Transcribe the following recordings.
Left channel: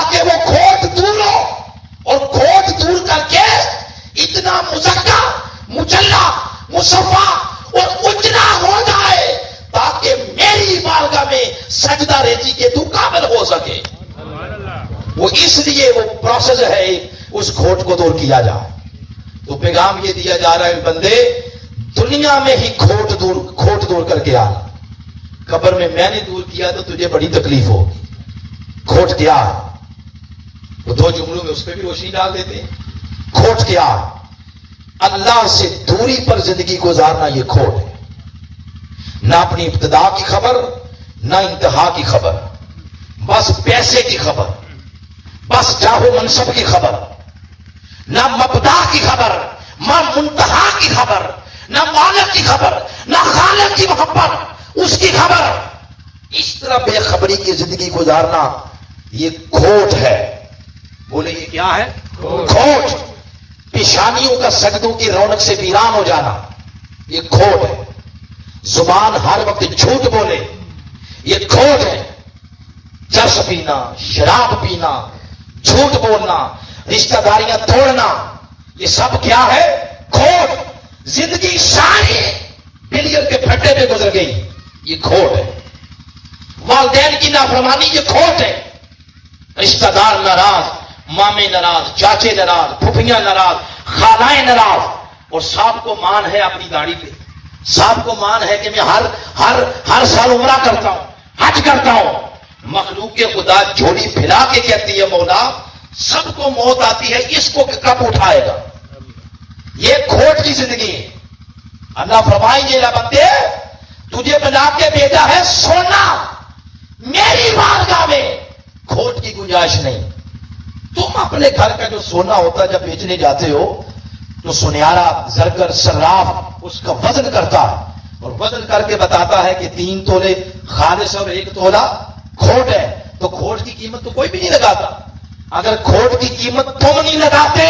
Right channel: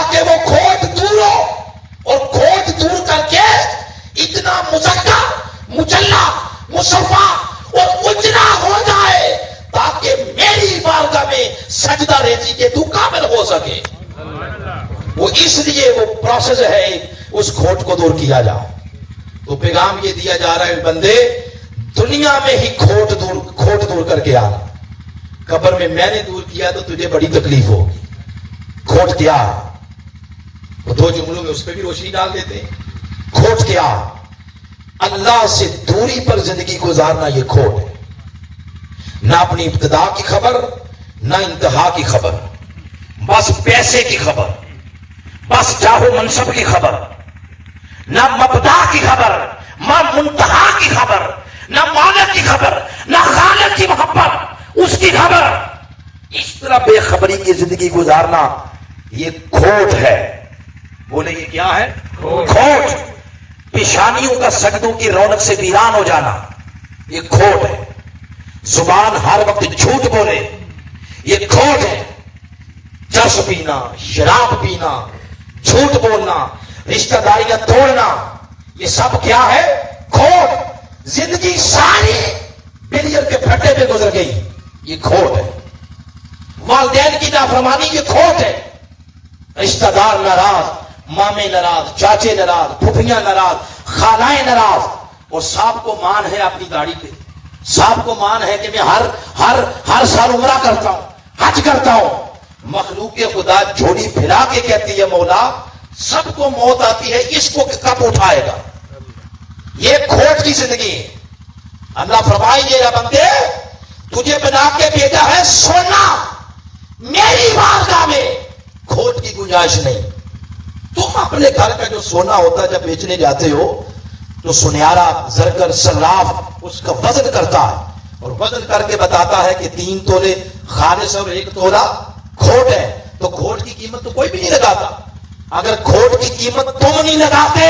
تاکہ وہ کھوٹ دور ہو، اور کھوٹ دور کر کے اتنا مزکا، مجلہ، مصفا اور اجلا ہو جائے تاکہ میری بارگاہ میں سجدہ ریزی کے تو کامل ہو سکے۔ وہ اس لیے وہ پروسیس ہے، اس کھوٹ کو دور کیا جائے۔ تو پیغام یہ دیا جا رہا ہے بندے دنیا میں ہی کھوٹ دور کر کے آنا، قبر میں نے دور کیا تو تجھے بڑی تکلیف ہوگی۔ کھوٹ کیا ہے؟ وہ دو جملوں میں اس پہ بھی روشنی ڈال دیتے ہیں۔ کھوٹ کیا ہے؟ اللہ سے دوری پر زندگی گزارنا، یہ کھوٹ ہے۔ نہ اپنی ابتدا کی خبر، نہ انتہا کی خبر، بس پیسے کی خبر، بس چاہو منصب کی خبر، نہ مبدا کی خبر، نہ منتہا کی خبر، نہ مالک کی خبر، نہ خالق کی محبت اس کی خبر۔ اس طرح بے خبری کی زندگی گزارنا یہ کھوٹ ہے۔ بولے یہ کیا ہے؟ کھوٹ۔ پیشانیوں کا سجدوں کی رونق سے ویران ہو جانا، یہ کھوٹ ہے۔ زبان ہر وقت جھوٹ بولے، یہ کھوٹ ہے۔ چرس پینا، شراب پینا، جھوٹ بولنا، رشتہ داریاں توڑنا، یہ سب کیا ہے؟ کھوٹ۔ زندگی ساری بلیئر کے پھٹے پہ گزر گئی، یہ کھوٹ ہے۔ والدین کی نافرمانی، یہ کھوٹ ہے۔ رشتہ دار ناراض، مامے ناراض، چاچے ناراض، پھوپھیاں ناراض، خالائیں ناراض، اور صاحب کو مان ہے اپنی داڑھی پہ، صاحب کو مان ہے کہ میں ہر سال عمرہ کرتا ہوں، حج کرتا ہوں۔ مخلوق کے خدا جھولی پھیلا کے کہتی ہے مولا سب کو موت آتی ہے، اس کو کب اٹھائے گا؟ یہ کھوٹ کی زندگی ہے۔ اللہ فرمائیں گے نہ بندے تجھے بنا کے بھیجا ہے سونا، میری بارگاہ میں کھوٹ کی گنجائش نہیں۔ تم اپنے گھر کا جو سونا ہوتا ہے جب بیچنے جاتے ہو تو سنیارا، زرگر، صراف اس کا وزن کرتا ہے، اور وزن کر کے بتاتا ہے کہ 3 تولے خالص اور 1 تولا کھوٹ ہے۔ تو کھوٹ کی قیمت تو کوئی بھی نہیں لگاتا۔ اگر کھوٹ کی قیمت تم نہیں لگاتے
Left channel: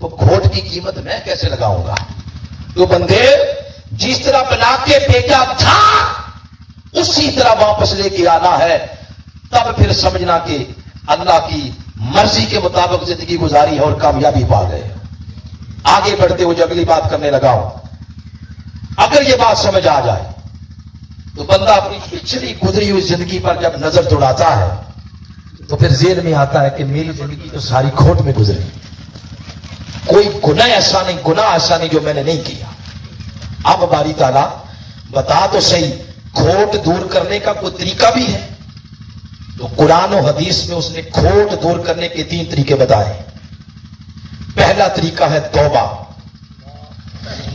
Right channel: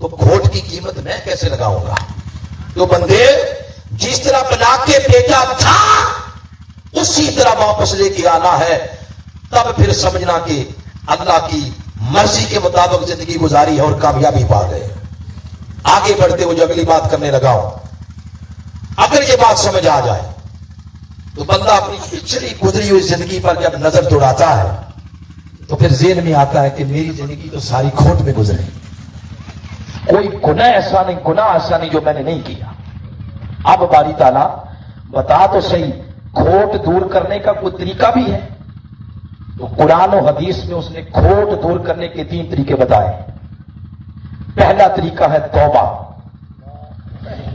تو کھوٹ کی قیمت میں کیسے لگاؤں گا؟ تو بندے جس طرح بنا کے بھیجا تھا اسی طرح واپس لے کے آنا ہے، تب پھر سمجھنا کہ اللہ کی مرضی کے مطابق زندگی گزاری ہے اور کامیابی پا گئے۔ آگے بڑھتے ہوئے جو اگلی بات کرنے لگا ہوں، اگر یہ بات سمجھ آ جائے تو بندہ اپنی پچھلی گزری ہوئی زندگی پر جب نظر دوڑاتا ہے تو پھر ذہن میں آتا ہے کہ میری زندگی تو ساری کھوٹ میں گزری، کوئی گناہ ایسا نہیں جو میں نے نہیں کیا۔ اب باری تعالیٰ بتا تو صحیح، کھوٹ دور کرنے کا کوئی طریقہ بھی ہے؟ تو قرآن و حدیث میں اس نے کھوٹ دور کرنے کے 3 طریقے بتائے۔ پہلا طریقہ ہے توبہ،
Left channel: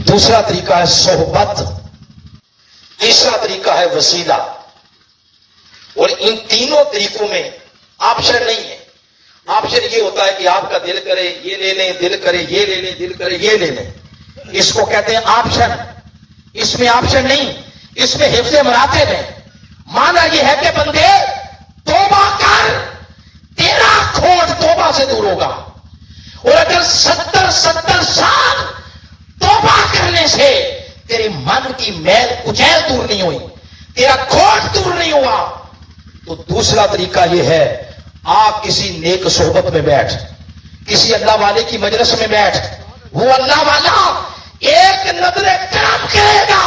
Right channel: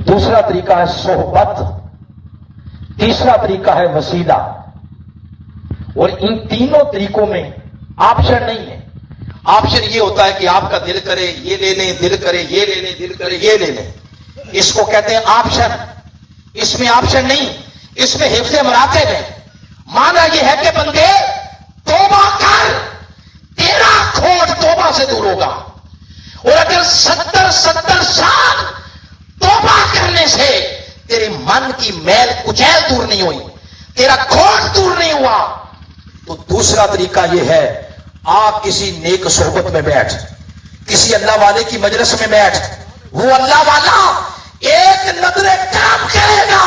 دوسرا طریقہ ہے صحبت، تیسرا طریقہ ہے وسیلہ۔ اور ان تینوں طریقوں میں آپشن نہیں ہے۔ آپشن یہ ہوتا ہے کہ آپ کا دل کرے یہ لے لیں، دل کرے یہ لے لیں، دل کرے یہ لے لیں، اس کو کہتے ہیں آپشن۔ اس میں آپشن نہیں، اس میں حفظ مراتب ہے۔ مانا یہ ہے کہ بندے توبہ کر، تیرا کھوٹ توبہ سے دور ہوگا۔ اور اگر 70 سال توبہ کرنے سے تیری من کی میل کچیل دور نہیں ہوئی، تیرا کھوٹ دور نہیں ہوا، تو دوسرا طریقہ یہ ہے، آ کسی نیک صحبت میں بیٹھ، کسی اللہ والے کی مجلس میں بیٹھ۔ وہ اللہ والا ایک نظر کرم کرے گا،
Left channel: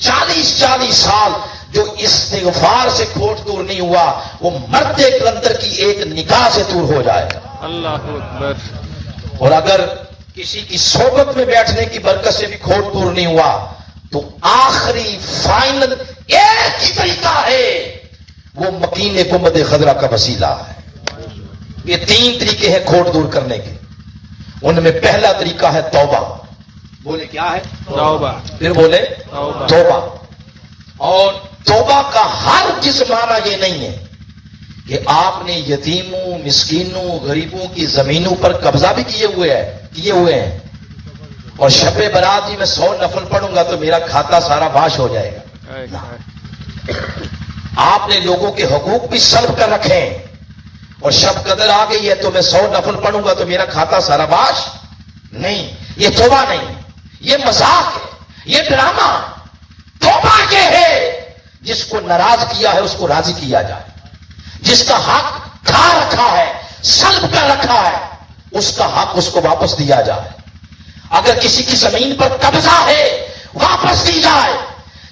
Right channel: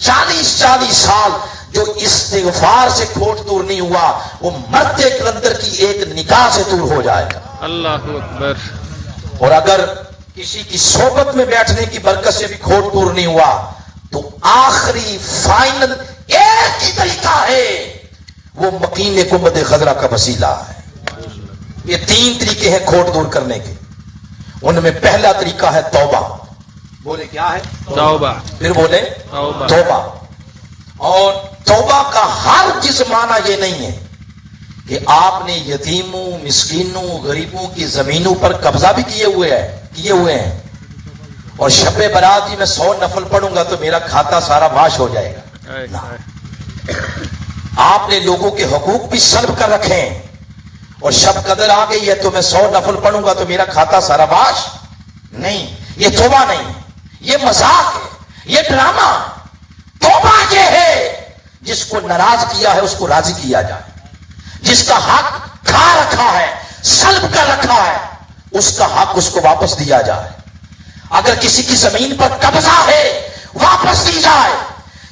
40 سال جو استغفار سے کھوٹ دور نہیں ہوا وہ مرد کلندر کی ایک نگاہ سے دور ہو جائے گا۔ اللہ اکبر۔ اور اگر کسی کی صحبت میں بیٹھنے کی برکت سے بھی کھوٹ دور نہیں ہوا تو آخری فائنل ایک ہی طریقہ ہے، وہ مکین گنبد خضرا کا وسیلہ ہے۔ یہ 3 طریقے ہیں کھوٹ دور کرنے کے، ان میں پہلا طریقہ ہے توبہ۔ بولے کیا ہے؟ توبہ۔ پھر بولے توبہ۔ اور توبہ کا ہر معنی یہ نہیں ہے کہ آپ نے یتیموں، مسکینوں، غریبوں کی زمینوں پر قبضہ بھی کیے ہوئے ہیں اور شب برات میں 100 نفل پڑھوں گا تو میرا کھاتا سارا واش ہو جائے گا۔ آپ نے لوگوں کے حقوق بھی سلب کر رکھے ہیں اور شب قدر آ گئی ہے تو میں 100 نفل پڑھوں گا تو میرا کھاتا سارا واش نہیں۔ یہ توبہ نہیں، یہ مذاق ہے، یہ ڈرامہ۔ توبہ یہ ہے جس کو ناراض کیا ہے اس کو راضی کیا جائے، جس کا حق کھا رکھا رکھا ہے, سلب کر رکھا ہے, اس کا حق اس کو واپس دیا جائے. اگر کسی کی زمین پر قبضہ ہے واپس دی جائے.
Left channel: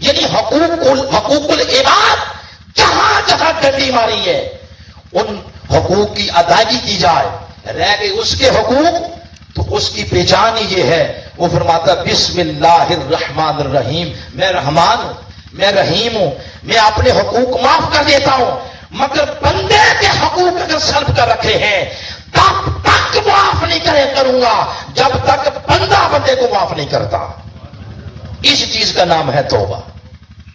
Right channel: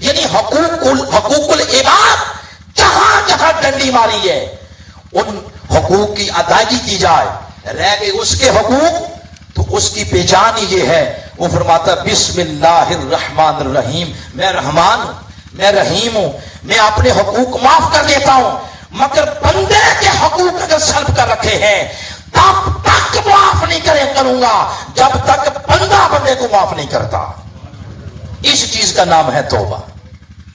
یعنی حقوق العباد جہاں جہاں ڈنڈی ماری ہے ان حقوق کی ادائیگی کی جائے. رہ گئے اس کے حقوق تو اس کی پہچان یہ ہے, وہ فرماتا بسم اللہ الرحمن الرحیم, میں رحمان ہوں, میں رحیم ہوں, میں اپنے حقوق معاف کر دیتا ہوں, مگر بندے کے حقوق اگر سلب کر رکھے ہیں تب تک معاف نہیں کروں گا جب تک بندہ بندے کو معاف نہیں کرتا. اس چیز کا نام ہے توبہ,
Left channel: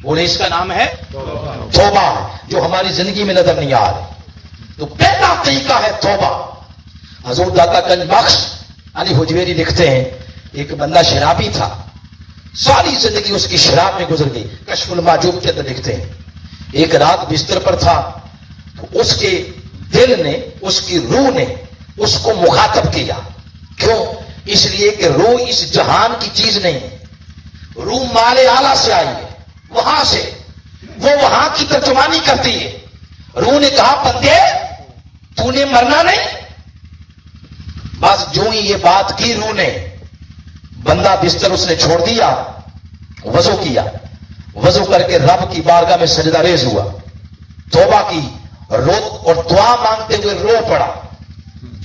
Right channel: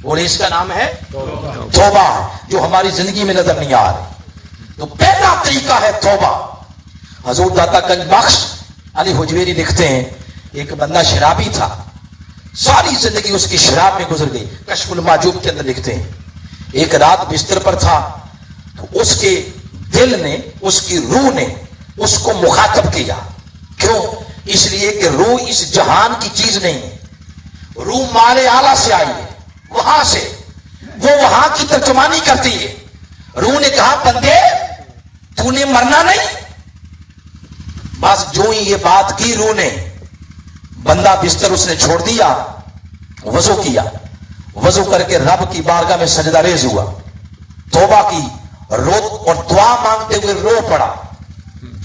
اور اس کا نام ہے توبہ, جو ہماری زندگی میں نظر نہیں آ رہی. تو پہلا طریقہ ہے توبہ. حضور داتا گنج بخش علی حجویری لکھتے ہیں, ایک بندہ شرابی تھا, ساری زندگی اس کی شراب میں گزر گئی. کشف المحجوب کے اندر لکھتے ہیں ایک رات بستر پر تھا تو اس کے دل نے, اس کی روح نے اس کو مخاطب کیا. کیوں؟ اس لیے کہ روح اس جہان کی چیز نہیں ہے, روح مال اعلیٰ سے آئی ہے, وہاں سے وہ وہاں کی ترجمانی کرتی ہے. روح نے کہا بندے تو نے مرنا نہیں. بس جو ہی یہ بات کی روح نے, بندہ بستر اس نے چھوڑ دیا, وضو کیا, وضو کر کے رب کی بارگاہ میں سجدہ ریز ہوا, توبہ کی, رو اور دعا مانگتے ہوئے رو پڑا.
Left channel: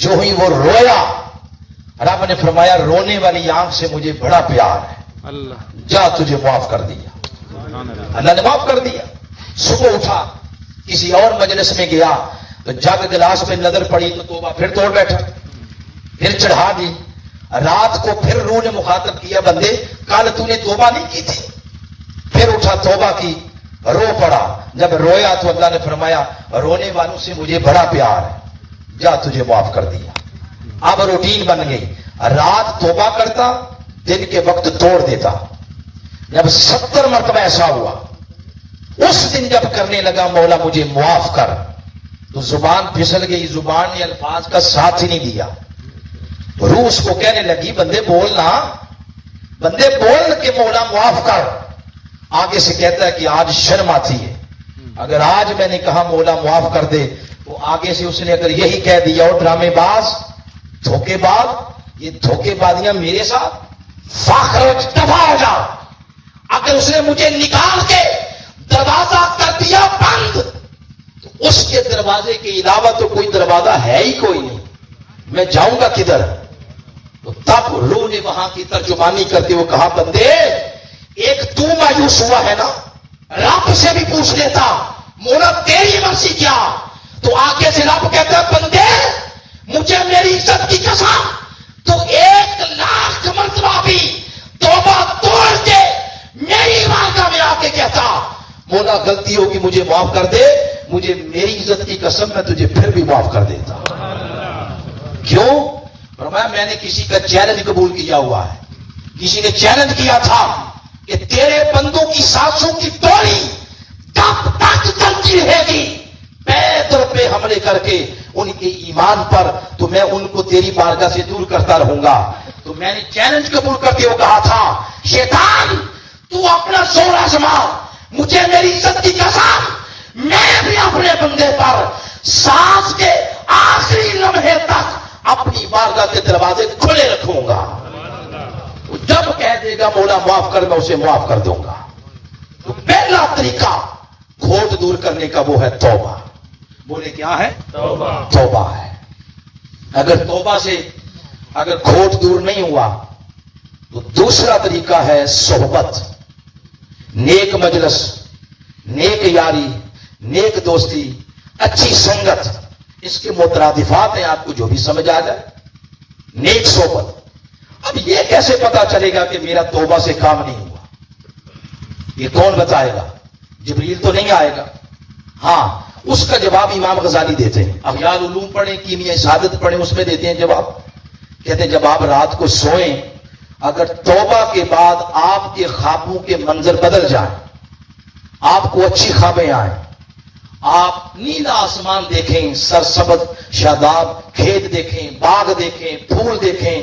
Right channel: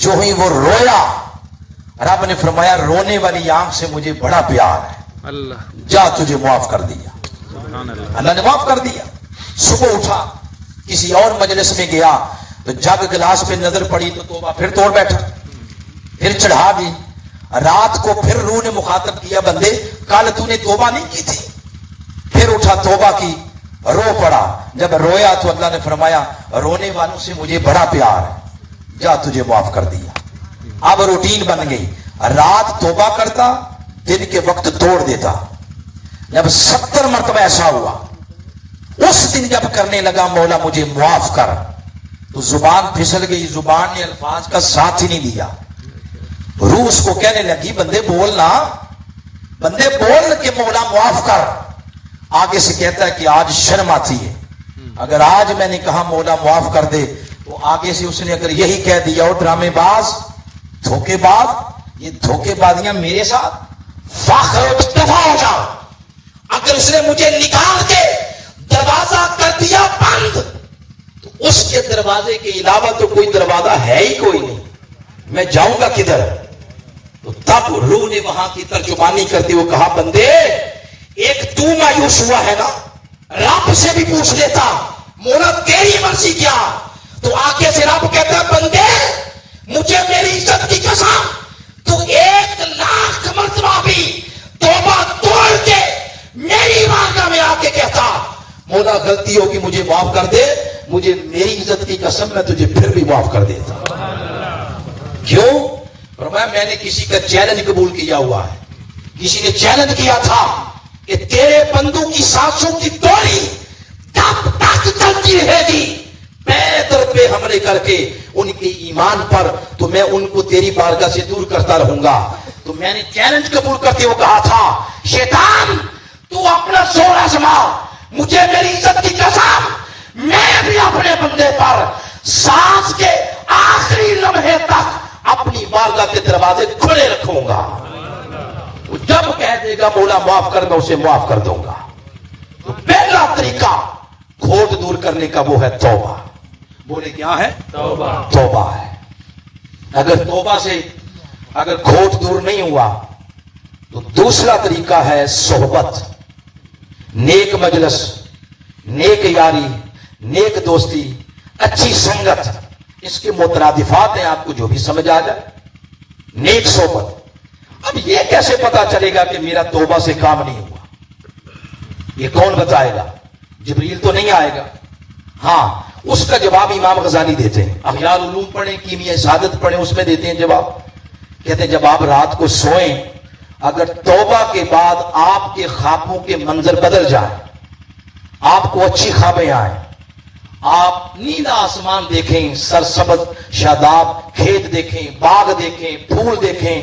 جو ہی وہ رویا رب نے فرمایا رونے والی آنکھ سے مجھے بڑا پیار ہے, اللہ جا تجھے معاف کر دیا. اللہ نے معاف کر دیا. صبح اٹھا کسی اور مجلس میں گیا تو جگ گلاس پہ نظر پڑی تو توبہ پھر توڑ بیٹھا, پھر چڑھا دی. رات کو پھر روح نے مخاطب کیا بندے کل تو نے توبہ نہیں کی تھی. پھر اٹھا توبہ کی, رو پڑا. جب رویا تو اللہ نے فرمایا رونے والوں سے مجھے بڑا پیار ہے, جا تجھے معاف کر دیا. اب روٹین بن گئی, رات توبہ کرتا, دن کے وقت توڑ دیتا. جب 70 مرتبہ ایسا ہوا, اس دن جب کرنے لگا مولا مجھے معاف کر, تو زبان پھسل گئی, زبان نے الفاظ کا ساتھ ہی نہیں دیا. روح اس کو کہنے لگی بندے بولنا, بندے بول کے مولا معاف کر. آگے سے کہتا ہے کہ آج شرم آتی ہے, اگر آج میں نے کہا مولا معاف کر دے تو آگے سے اس نے اگر یہی کہہ دیا اور ڈرامے باز, دھوکے باز, یہ دھوکے بازیاں میرے ساتھ دفاع ہو جاؤ. اگر اس نے مجھے نکال کے دروازہ کر دیا بند تو اس کے دروازے کے علاوہ تو کوئی دروازہ ہے ہی کوئی نہیں, میں جاؤں گا کدھر. تو تب روح نے وہاں کی ترجمانی کرتے ہوئے کہا بندے ایک تو مایوس ہوا ہے نا, رب سے بھی پوچھ لیتا مولا تیری مرضی کیا. تو آگے سے رب کہتا بندے مجھے میری عزت کی قسم تو 1,00,000 مرتبہ بھی توبہ توڑ کے میری بارگاہ میں آ کے کہتا مولا غلطی ہوگی مجھے معاف کر دے, مجھے میری عزت کی قسم میں تجھے پھر بھی معاف کر دیتا. کیوں؟ فرمایا میں نے کسی کا چیلنج قبول کیا ہوا ہے. کسی نے چیلنج کیا تھا کہ تیرے بندوں کی سانسوں کی ڈوری تب تک چلتی رہے گی پیدر پہ حملے کر کے ان کے ایمان پر, تو میں ان کو تیری بارگاہ سے دور کرتا رہوں گا. تو میں نے چیلنج قبول کرتے ہوئے کہا تھا شیطان تو اپنا زور آزما, مجھے میری عزت کی قسم میں بھی اپنے بندے پر سانس کے آخری لمحے تک اپنی بارگاہ کے دروازے کھلے رکھوں گا. جب کہہ دے گا مولا معاف کر میں اسے معاف کر دوں گا. تو پہلا طریقہ کھوٹ دور کرنے کا وہ ہے توبہ. بولے کیا ہے؟ توبہ ہے. اگر توبہ سے اگر کھوٹ دور نہیں ہوا تو دوسرا طریقہ ہے صحبت, نیک مجلس, نیک یاری, نیک دوستی, اچھی سنگت. اس کے مترادفات ہیں, آپ کو جو بھی سمجھ آ جائے. نیک صحبت. اب یہ کیسے پتا چلے گا کہ میرا توبہ سے کام نہیں ہوا؟ یہ کون بتائے گا؟ جبریل تو نہیں آئے گا. ہاں اس کا جواب امام غزالی دیتے ہیں. احیاء العلوم پڑھیں, کیمیا سعادت پڑھیں, اس میں دیتے ہیں جواب. کہتے ہیں جب آپ رات کو سوئیں, اگر توبہ کے بعد آپ کے خوابوں کے منظر بدل جائیں, آپ کو اچھی خوابیں آئیں, آپ نیلا آسمان دیکھیں, سرسبز شاداب کھیت دیکھیں, باغ دیکھیں, پھول دیکھیں,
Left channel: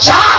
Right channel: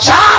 4,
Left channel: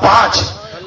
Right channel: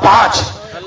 5,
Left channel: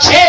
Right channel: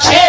6,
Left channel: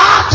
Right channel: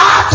8।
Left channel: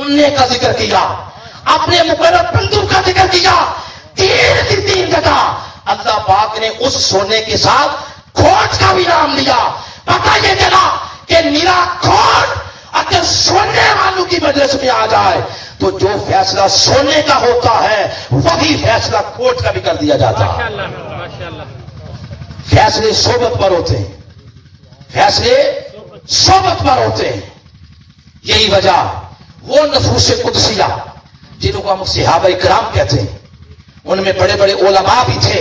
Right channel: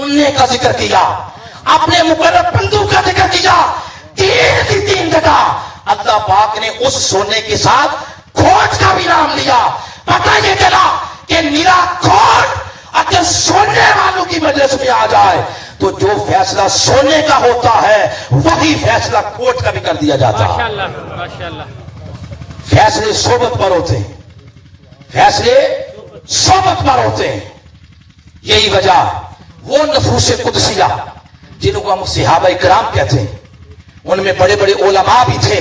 سونے کا ذکر کیا, اپنے مقرر بندوں کا ذکر کیا, تین جگہ اللہ پاک نے اس سونے کے ساتھ کھوٹ کا بھی نام لیا. پتہ یہ چلا کہ میرا کھوٹ اگر سونے والوں کی مجلس میں آ جائے تو جو فیصلہ سونے کا ہوتا ہے وہی فیصلہ کھوٹ کا بھی کر دیا جاتا ہے. فیصلے صحبت پر ہوتے ہیں, فیصلے صحبت پر ہوتے ہیں. یہی وجہ وہ نفوس قدسیہ جنہوں کو ہم صحابہ کرام کہتے ہیں, ان میں بڑے بڑے علماء بھی تھے,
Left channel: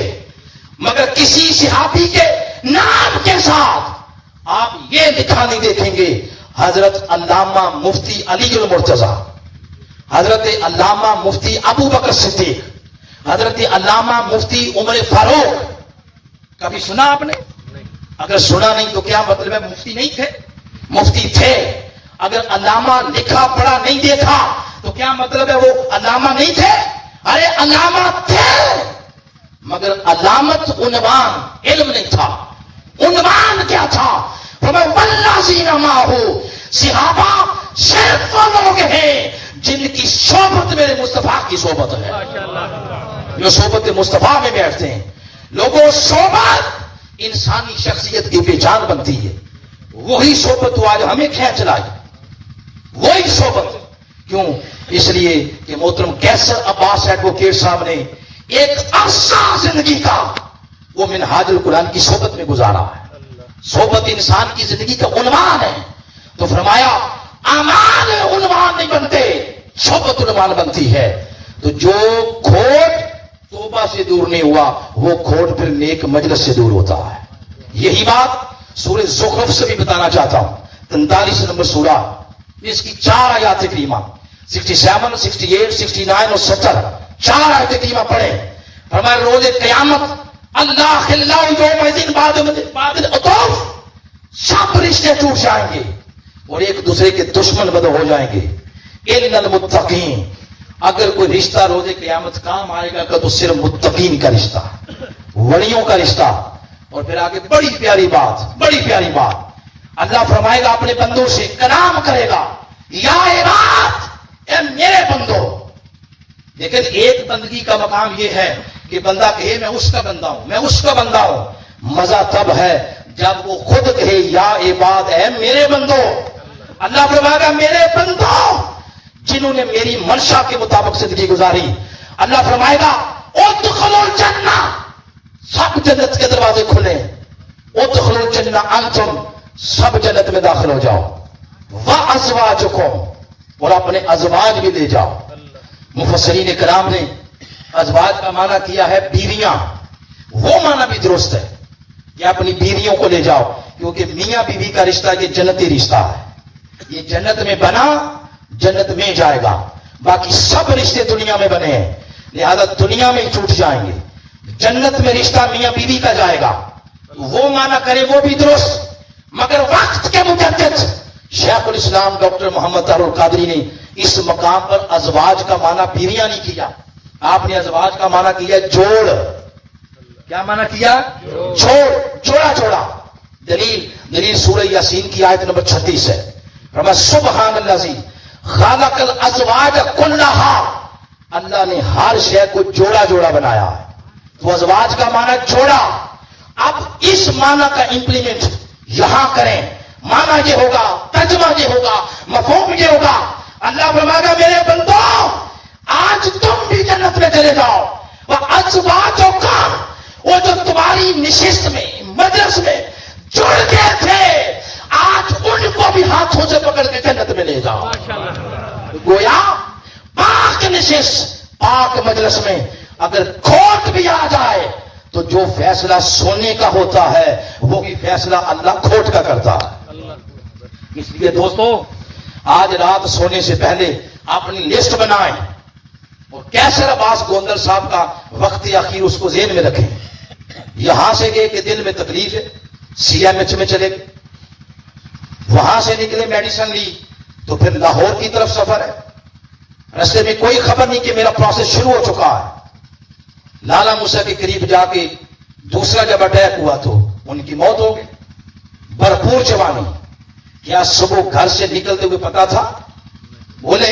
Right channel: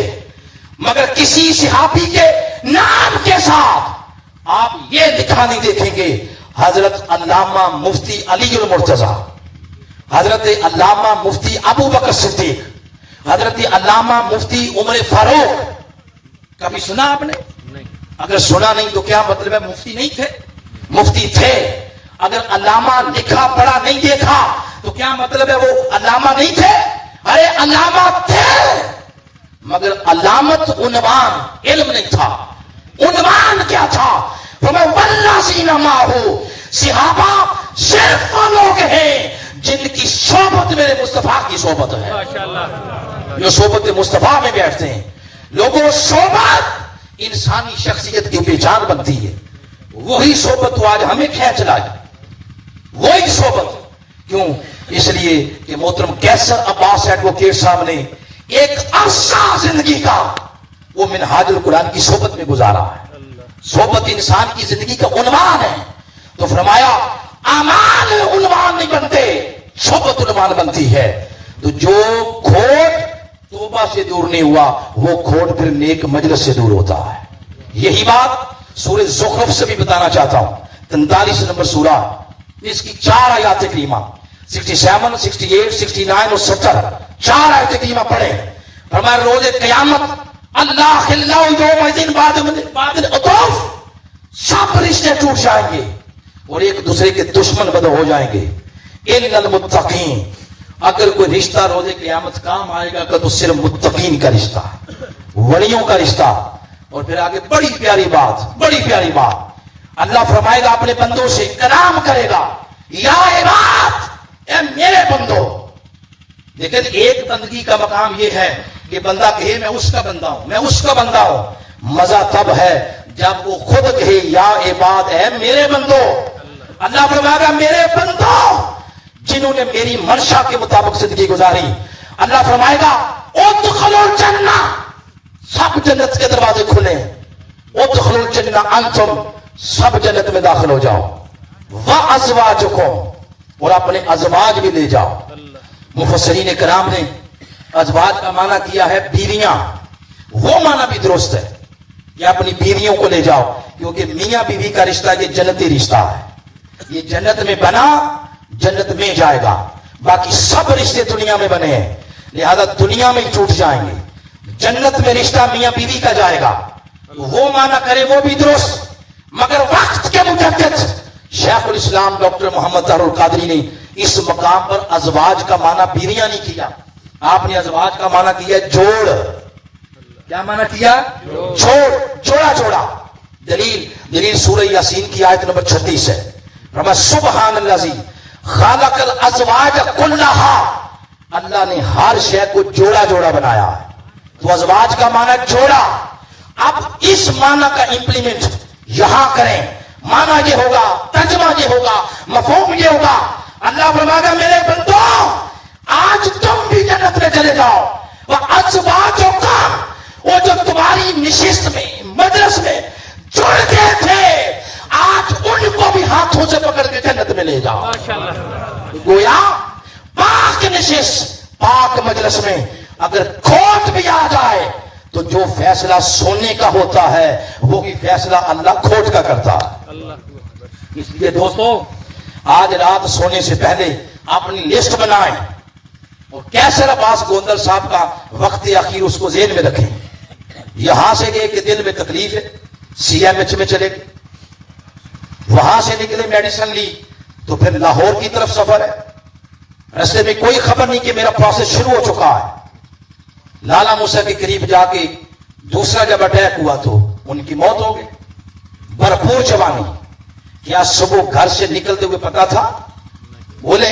مگر کسی صحابی کے نام کے ساتھ آپ یہ لکھا نہیں دیکھیں گے حضرت علامہ مفتی علی المرتضیٰ, حضرت علامہ مفتی ابو بکر صدیق, حضرت علامہ مفتی عمر فاروق. کبھی سنا آپ نے؟ اگر سنا نہیں تو کیا مطلب ہے مفتی نہیں تھے؟ مفتی تھے. اگر علامہ لکھا پڑھا نہیں دیکھا تو کیا مطلب ہے وہ علامہ نہیں تھے؟ ارے علامہ تھے, مگر علامت عنوان علم نہیں تھا. عنوان کیا تھا؟ والذین معہ, صحابہ صرف وہ لوگ ہیں جن کی صحبت میرے مصطفیٰ کی صحبت ہے, جو صحبت مصطفیٰ میں بیٹھتے ہیں. لوگوں, صحبت انسانی شخصیت کی پہچان بنتی ہے. وہی صحبت تو آج ہمیں کھینچ رہا ہے, وہی صحبت. کیوں؟ اس لیے کہ محترم کیسر عباس ایڈوکیٹ صاحب نے ایک عرصہ زندگی کا وہ منہاج القرآن کی صحبت میں گزارا ہے. صحبت انسان کی زندگی کا عنوان ہے. تو فرمایا اعمال عنوان نہیں بنتے, صحبت عنوان بنتی ہے. تو جو کھوٹ توبہ سے دور نہیں ہوا وہ کھوٹ پھر نیک مجلس سے دور ہوتا ہے. یہی بات سورہ زخرف سے بھی بتانا چاہتا ہوں. 43 نمبر سورہ, اس کی 4 آیات کریمہ 67, 68, 69 اور 70 4 آیات کریمہ پڑھے. فرمایا روز قیامت اللہ خلاء یومئذ بعد العطوف, سب رشتے ٹوٹ جائیں گے اور ایک دوسرے کے دشمن بدل ہو جائیں گے. الا المتقین, اگر کوئی رشتہ روز قیامت کام آئے گا تو صرف متقین کا رشتہ, ولیوں کا رشتہ. اور پھر آگے بڑی پیاری بات, بڑی پیاری بات. اللہ فرمائے گا اپنے بندوں سے کلام کرے گا, یا عباد, اے میرے بندو. لیکن ایک بندگی کا مقام یہ ہے کہ بندہ کہے میں اس کا بندہ ہوں, میں اس کا بندہ ہوں. مزہ تب ہے جب وہ خود کہے یا عباد, اے میرے بندو. اللہ فرمائے گا میرے بندو جنہوں نے میری منشا کے مطابق زندگی گزاری. اللہ فرمائے گا ادخلوا الجنہ, سب جنت کے دروازے کھلے. ادخلوا الجنہ انتم, سب جنت میں داخل ہو جاؤ. وازواجکم, اور اپنے ازواج بھی لے جاؤ. مفسرین کرام نے ازواج کا معنی کیا ہے بیویاں. وہ معنی بھی درست ہے کہ اپنی بیویوں کو لے جاؤ, کیونکہ میاں بیوی کا رشتہ یہ جنتی رشتہ ہے. یہ جنت میں بنا جنت میں جائے گا. باقی سب رشتے دنیا میں بنے ہیں, لہذا دنیا میں ہی چھوٹ جائیں گے. جنت میں رشتہ میاں بیوی کا جائے گا. وہ معنی کرے وہ بھی درست, مگر وقت کے مجدد شیخ الاسلام ڈاکٹر محمد طاہر القادری نے اس مقام پر ازواج کا معنی بیویاں نہیں کیا, آپ نے ازواج کا معنی کیا جوڑ. کیا معنی کیا؟ جوڑا جوڑا. دلیل سورہ یاسین کی آیت نمبر 36 ہے. فرمایا سبحان الذی خلق الازواج کلھا, اللہ نے ہر شے کو جوڑا جوڑا بنایا ہے. تو ازواج کا معنی جوڑا. اب اس معنی کا امپلیمنٹ یہاں کریں, معنی یہ ہوگا, ترجمہ یہ ہوگا, مفہوم یہ ہوگا. اللہ فرمائے گا میرے بندو آج تم بھی جنت میں چلے جاؤ. وازواجکم, وہ جو تمہاری نشست میں مجلس میں جڑ گئے تھے آج ان کو بھی ہاتھوں سے پکڑ کے جنت میں لے جاؤ. گویا پاک نشست پاک مجلس میں اگر کھوٹ بھی آ جائے تو جو فیصلہ سونے کا ہوتا ہے وہی فیصلہ اللہ کھوٹ کا کرتا ہے. اس لیے دوستو آج رات سونے سے پہلے اپنی لسٹ بنائیں اور کیسر عباس گوندر صاحب کا وقت اخیر اس کو ذہن میں رکھیں. یہاں سے گئے کہ دل میں تکلیف ہے, سی ایم ایچ میں چلے گئے, وہاں سے نکلے میڈیسن لی تو پھر لاہور کی طرف سفر ہے. رستے میں کوئی خبر نہیں کہ میرا پروسیس شروع ہو چکا ہے. لالا موسیٰ کے قریب جا کے دوسرا جب اٹیک ہوا تو ان کی موت ہو گئی. بھرپور جوانی. کیا صبح گھر سے نکلتے ہوئے پتا تھا؟ بولے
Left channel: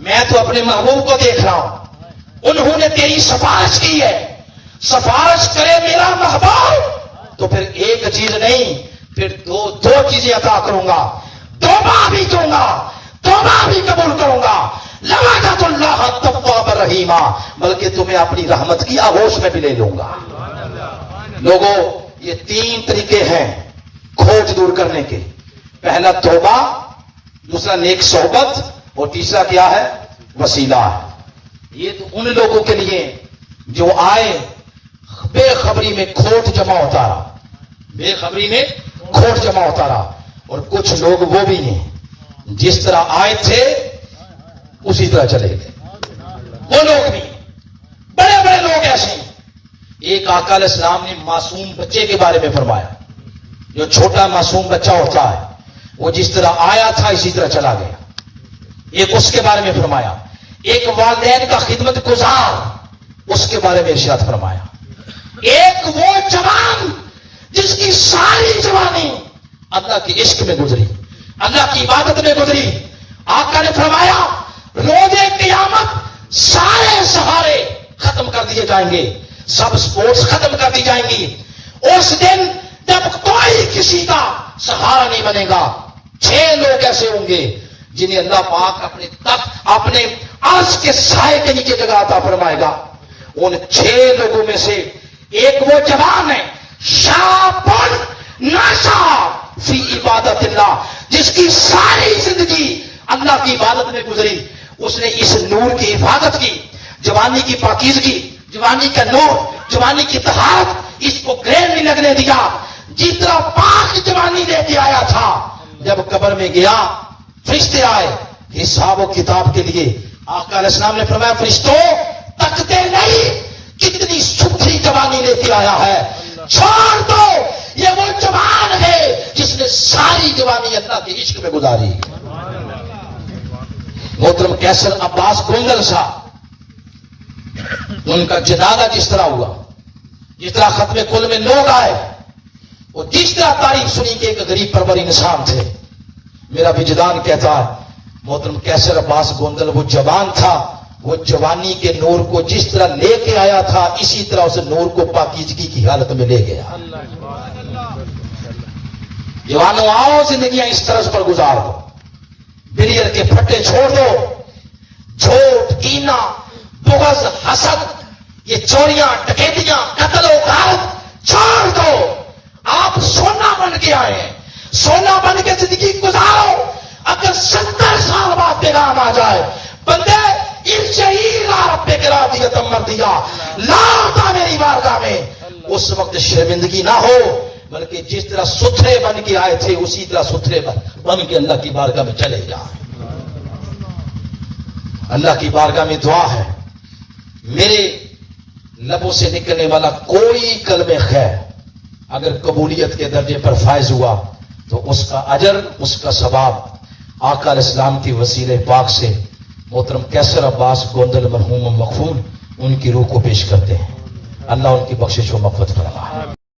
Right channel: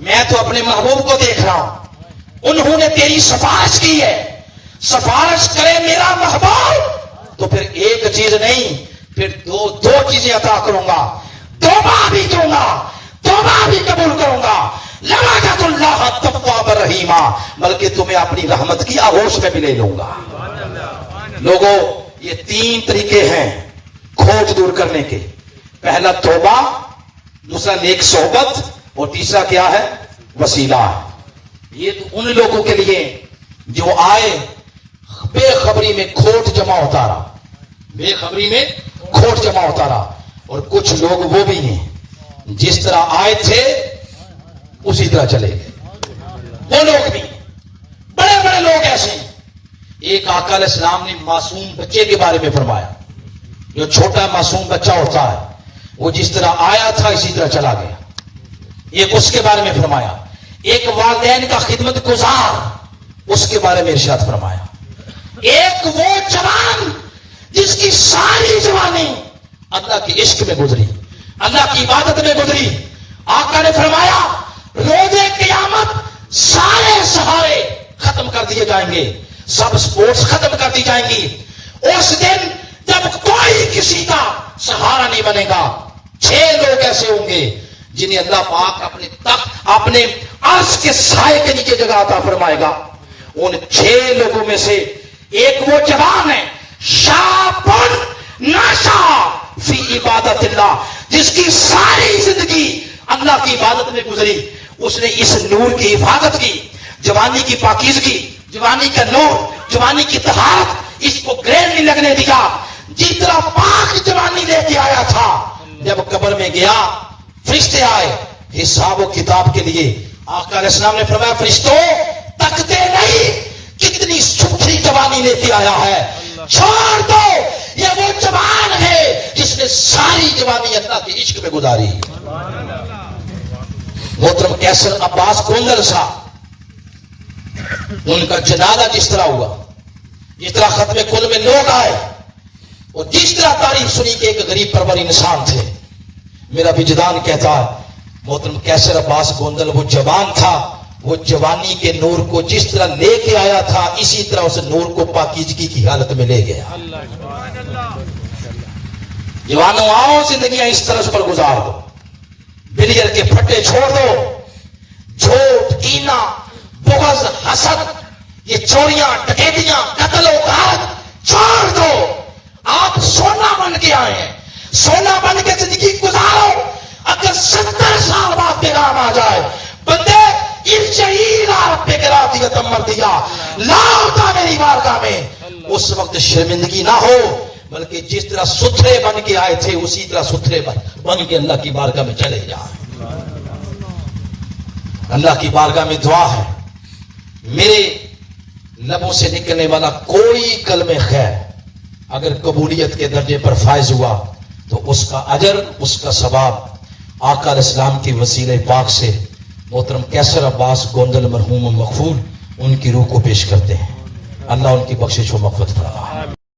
میں تو اپنے محبوب کو دیکھ رہا ہوں, انہوں نے تیری سفارش کی ہے, سفارش کرے میرا محبوب تو پھر ایک چیز نہیں, پھر دو چیزیں عطا کروں گا, توبہ بھی دوں گا, توبہ بھی قبول کروں گا, لوجت اللہ تواب رحیمہ, بلکہ تمہیں اپنی رحمت کی آغوش میں بھی لے لوں گا. لوگوں, یہ 3 طریقے ہیں کھوٹ دور کرنے کے. پہلا توبہ, دوسرا نیک صحبت, اور تیسرا کیا ہے؟ وسیلہ. یہ تو ان لوگوں کے لیے جو آئے بے خبری میں کھوٹ جمع ہوتا رہا, بے خبری میں کھوٹ جمع ہوتا رہا. اور کچھ لوگ وہ بھی ہیں جس طرح آئے تھے اسی طرح چلے گئے. وہ لوگ بھی بڑے بڑے لوگ ایسے ہیں. ایک آقا علیہ السلام نے معصوم بچے کے بارے میں فرمایا, جو چھوٹا معصوم بچہ ہوتا ہے وہ جس طرح آیا تھا اسی طرح چلا گیا. ایک اس کے بارے میں فرمایا. ایک والدین کا خدمت گزار, اس کے بارے میں ارشاد فرمایا. ایک وہ جوان جس کی ساری جوانی اللہ کے عشق میں گزری, اللہ کی عبادت میں گزری. آقا نے فرمایا روزے قیامت سارے سہارے ختم کر دیے جائیں گے, سب سپورٹس ختم کر دی جائیں گی. اس دن جب کوئی کسی کا سہارا نہیں بنے گا, 6 لوگ ایسے ہوں گے جنہیں اللہ پاک اپنے تخت, اپنے عرش کے سائے کے نیچے جگہ عطا فرمائے گا. ان 6 لوگوں میں سے ایک وہ جوان ہے شابن ناشا فی عبادت اللہ, جس کی ساری زندگی اللہ کی عبادت میں گزری. اس نے اس نور کی حفاظت کی, جوانی کی پاکیزگی, جوانی کا نور, جوانی کی طہارت, اس کو گریل نہیں لگنے دیا. جتنا پاک جوانی لے کے آیا تھا, جب قبر میں گیا فرشتے آئے حساب و کتاب کے لیے. آقا علیہ السلام نے فرمایا فرشتوں تکتے نہیں کتنی ستھری جوانی لے کے آیا ہے, چھوڑ دو, یہ وہ جوان ہے جس نے ساری جوانی اللہ کے عشق میں گزاری. محترم کیسر عباس گوندل صاحب, ان کا جنازہ جس طرح ہوا, جس طرح ختم کل میں لوگ آئے, اور جس طرح تعریف سنی کہ ایک غریب پرور انسان تھے, میرا وجدان کہتا ہے محترم کیسر عباس گوندل وہ جوان تھا, وہ جوانی کے نور کو جس طرح لے کے آیا تھا اسی طرح اس نور کو پاکیزگی کی حالت میں لے گیا. جوانوں آؤ زندگیاں اس طرح پر گزار دو, بلیئر کے پھٹے چھوڑ دو, جھوٹ, کینہ, بغض, حسد, یہ چوریاں, ڈکیتیاں, قتل و غارت چھوڑ دو. آپ سونا بن کے آئے ہیں, سونا بن کے زندگی گزارو. اگر 70 سال بعد پیغام آ جائے بندے لاؤ میری بارگاہ میں, اس وقت شرمندگی نہ ہو, بلکہ جس طرح ستھرے بن کے آئے تھے اسی طرح ستھرے بن کے اللہ کی بارگاہ میں چلے جائیں. اللہ کی بارگاہ میں دعا ہے, میرے لبوں سے نکلنے والا کوئی کلمہ خیر اگر قبولیت کے درجے پر فائز ہوا تو اس کا اجر, اس کا ثواب آقا علیہ السلام کی وسیلہ پاک سے محترم کیسر عباس گوندل مرحوم مغفور ان کی روح کو پیش کرتے ہیں. اللہ ان کی بخشش و مغفرت فرمائے.